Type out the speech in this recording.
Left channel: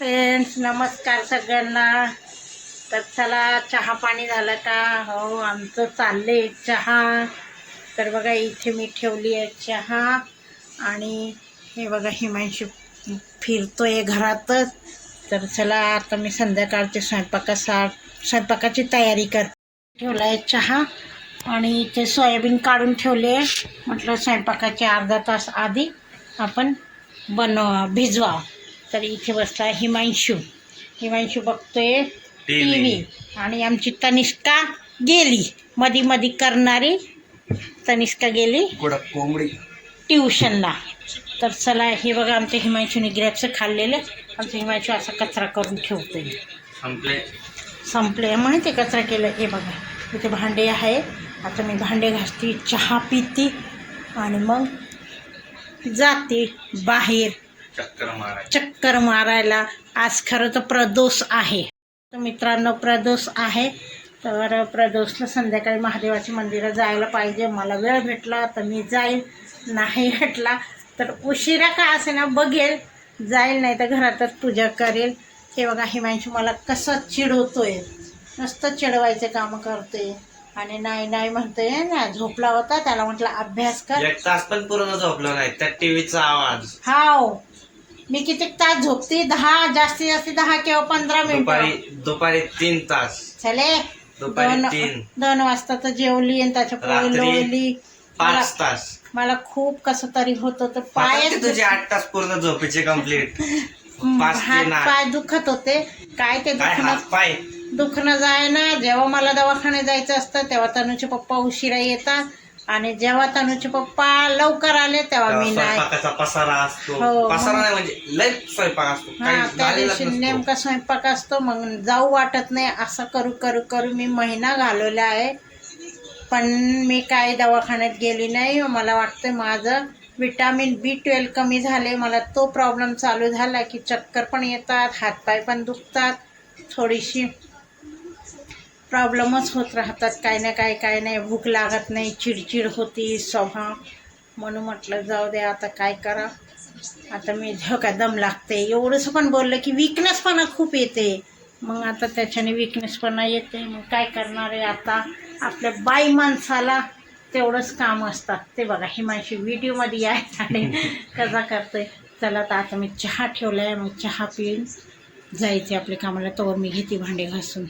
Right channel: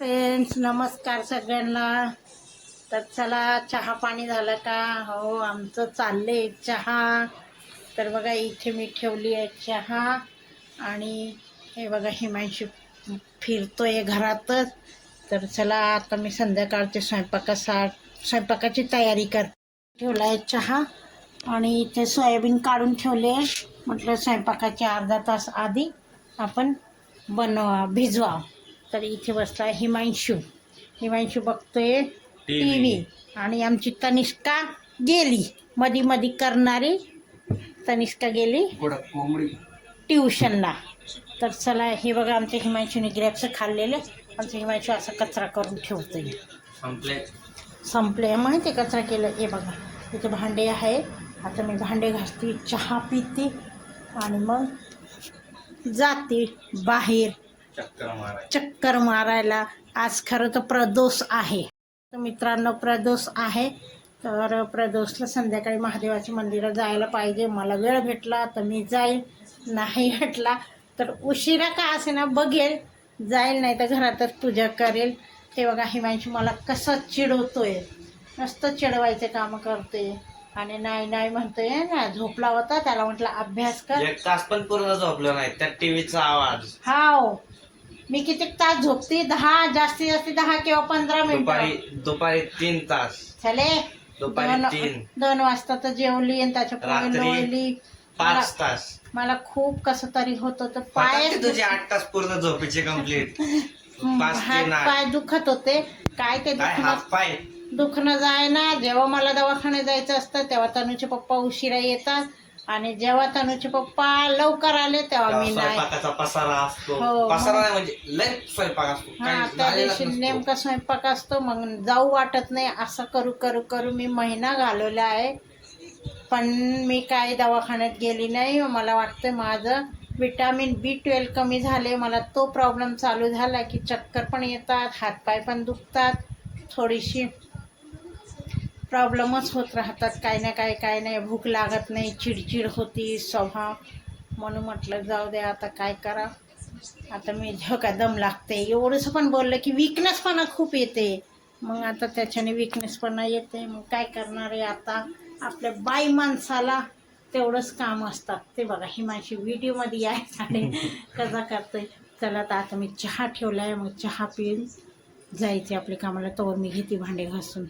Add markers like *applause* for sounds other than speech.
Friends नमस्कार सगळ्यांना. तर चला चहा पाणी झालं का? हो आमचं चाललं आहे चहा. तर बघा इथे मी ठेवली आहे चहा. आणि हे बघा हिमांशी फिरतो आहे घरातच. तर चला आता मी संध्याकाळच्या स्वयंपाकासा स्वयंपाकाची तयारी कर ठेवला आहे चहा. आणि इथे सोयाबीन काढून ठेवले आहे. म्हटलं स्वयंपाकाच्या अर्धा तास आधी आपण बनवा भिजवा. तर इथे बसला हिमांशू. हिमांशू बघतोय टी व्ही आणि आमची तनिष्का गेली. मधी मधी करणारी तनिष्का गेली. कोंबडी. ट्युशनला. तर चला हे बघा आमच्या हिमांशूने ग्रॅप्स खाल्लेले. आमचा हिमांशू असा कचरा करून ठेवतोय. संपले. संपले. माहिती कचरा केलं हे बघा. इथे भांडे आहे आता मी भांडे घासते चहा पिते आणि मग जाते बाहेर. चक्कर माराय चक्कर मारायला आज खरं तर प्रदोष आहे. तर मित्रांनो प्रदोष आहे. तर प्रदोषला संध्याकाळी महादेवाच्या मंदिरात जायला पाहिजे. मला वेळ भेटला तर मी जाईल. नाही भेटला तर उशिरा का असे ना बघेल. जाईल नाही तर घरातच पूजा करेल. हे बघा हिमांशू मला कसं चिडवतोय. नुसतं चिडवायचे कामं करतोय. आणि नाही नाही म्हणतोय ना झोपला होता. त्याला म्हटलं अभ्यास कर. एक तास पण पूर्ण झोपलो नाही. त्या टीव्हीचा आवाज. हाव. मी किती तास झोपते? दहा जास्तीत जास्त दहा किंवा पंधरा दुपारी मिनिटं. दुपारी तीन तास. चले. दुपारी दोन तीन. दोन वाजता तर जेवली आणि त्याच्या पोळी रात्री लोळली. मला पाच तास. मला खूप कसं तरी होत होतं पाय तुझे आठ तास पूर्ण झोपेचे कंप्लीट *laughs* पाच हात पाय दुखत होते. काय ते काय दुखणं हात पाय? दुखणं जाय ना जेव्हा मला दवाखान्यात जायचं असतं तेव्हा तनूचे पप्पा उशिरा येतात. आणि जेव्हा तनूचे पप्पा लवकर आले तेव्हा मी नाही. स्वयंपाकाचा पसारा असतो. हो, पसारा मग- नाही म्हणजे लय स्वयंपाक असतो. हा काही त्या झालेलाच दिवशी नसतो. नेमका स्वयंपाक असतो मग जाऊ वाटत नाही. असं करू करू करू मी महिना घालवला आहे. पण मी काय दवाखान्यात गेली नाही. मला वाटतं माझं विटॅमिन बी ट्वेल्व कमी झाले. मला तो प्रॉब्लेम चालू झाला की चक्कर पण येतात हातपाय पण दुखतात. थोडीशी प्रॉब्लेमच होत राहतात. काय ना काय काय नाही. भूक लागत नाही चिडचिड होती स्वभाव म्हणून म्हटलं जाऊ दे आता काय करा? आता मी धोका दम लागते. एवढंसं पण बोललं की विकनेसपणा खूप येते. मग आता त्याच्याने विकनेसपणा येते. मग काय करणार आहे आता? आपल्या बाई माणसाला तेवढंच काम असतात. ते बघा हिमाशी व्हिडिओमध्ये आहे कसा करते चला तर आता मी चहा ठेवला आहे मग चहा पिऊन जायचे आपल्या कामाला. तोवर मी घेते भांडे घासून.